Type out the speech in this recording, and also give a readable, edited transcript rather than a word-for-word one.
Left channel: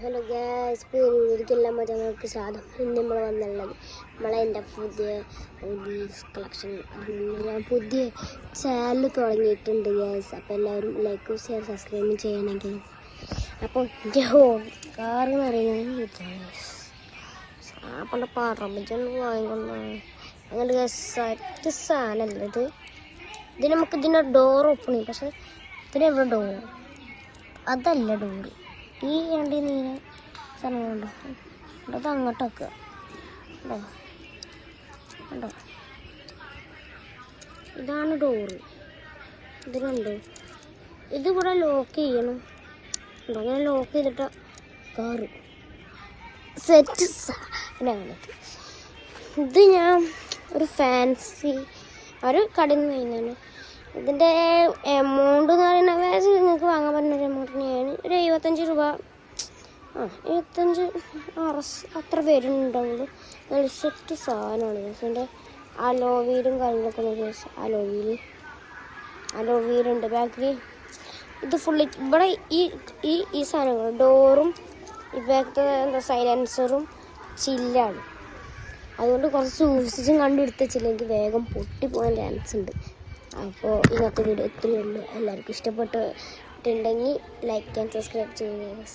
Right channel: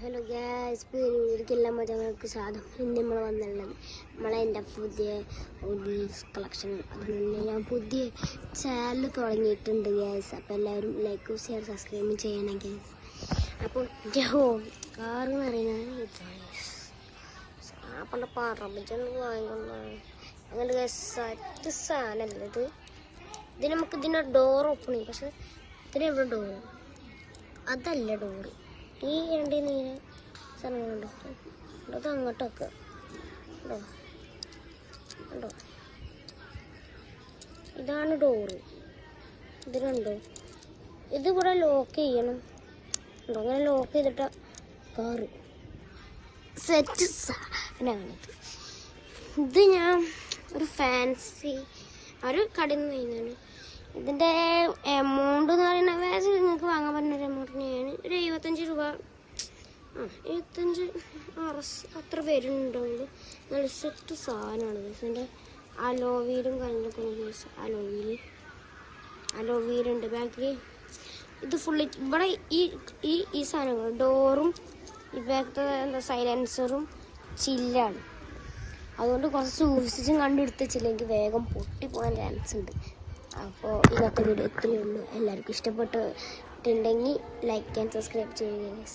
Hello gas ഒരിക്കലും മതി നമ്മൾക്ക് സാധനം ഇന്ന് നമ്മൾ വന്നുള്ളത് എൻ്റെ പുതിയ കളക്ഷൻ. ഞാൻ പുതിയ ചാനൽ തുടങ്ങിയിട്ടുണ്ട് ഗ്യാസ്. അപ്പോൾ എല്ലാവരും ലൈക്കും ഷെയർ സബ്സ്ക്രൈബും ചെയ്യണം ഗ്യാസ്. അപ്പോൾ കാറ് എന്ന് പറയുന്നത് അപ്പോൾ പറമ്പ് വാങ്ങിക്കൊണ്ടാണ് അങ്ങനെ സെറ്റ് സാധനമല്ല ഇത്. നമുക്ക് ഇതിൻ്റെ ഡോർ ഓപ്പൺ ചെയ്യും, പക്ഷെ ഇതിനെവിടെ ഡോർ അതല്ല ഡോറ്. ഈ വണ്ടി നീല സ്ഥലം കൊണ്ടോ അത് അങ്ങോട്ടൊക്കെ ഉണ്ടോ, ഇതാണ് ഡോറ്. ഇതിലുണ്ട്, ഇതിവിടെ ലോക്ക് ചെയ്യണം. ഉണ്ടോ, അങ്ങനെ ലോക്ക് ചെയ്തിട്ട് കാറ് സെറ്റ് സാധനമാണിത്. ഇത് ഞാൻ ഒരു ഫാൻസി ഒരു കടയിൽ നിന്ന് കഴിഞ്ഞാണ്. ഇതിൻ്റെ എമൗണ്ട് എന്ന് പറയുന്നത് നിങ്ങൾക്ക് വാങ്ങാൻ പറ്റുന്ന ഒരു എമൗണ്ടിനെയാണ് ഒരു 75 രൂപ. 75 അത്ര പേരുണ്ടാവുള്ളൂ. നല്ല സെറ്റ് സാധനമാണ് ഇതിൻ്റെ. അലോവീലും കാര്യങ്ങളൊക്കെ നോക്കി, അലോവീലുണ്ട് ബാക്കിൽ. ഇത് ഫുള്ള് ഇവിടെ ഈ സാധനങ്ങൾ ഡോറും ഈ ബാക്കത്തെ എന്താ സൈലൻസറും ചില്ലാണ്. അതുകൊണ്ട് കുറച്ച് സൂക്ഷിച്ചും കണ്ടെടുത്തില്ലെങ്കിൽ വേഗം പൊട്ടിപ്പോകാൻ ചാൻസ് ഉണ്ട്. അപ്പോൾ ഇന്നത്തെ വീഡിയോ ഇത്രയേ ഉള്ളൂ. എല്ലാവർക്കും ഇഷ്ടപ്പെട്ടിട്ടുണ്ടെങ്കിൽ ലൈക്ക് ആൻഡ് സബ്സ്ക്രൈബ് ചെയ്യുക.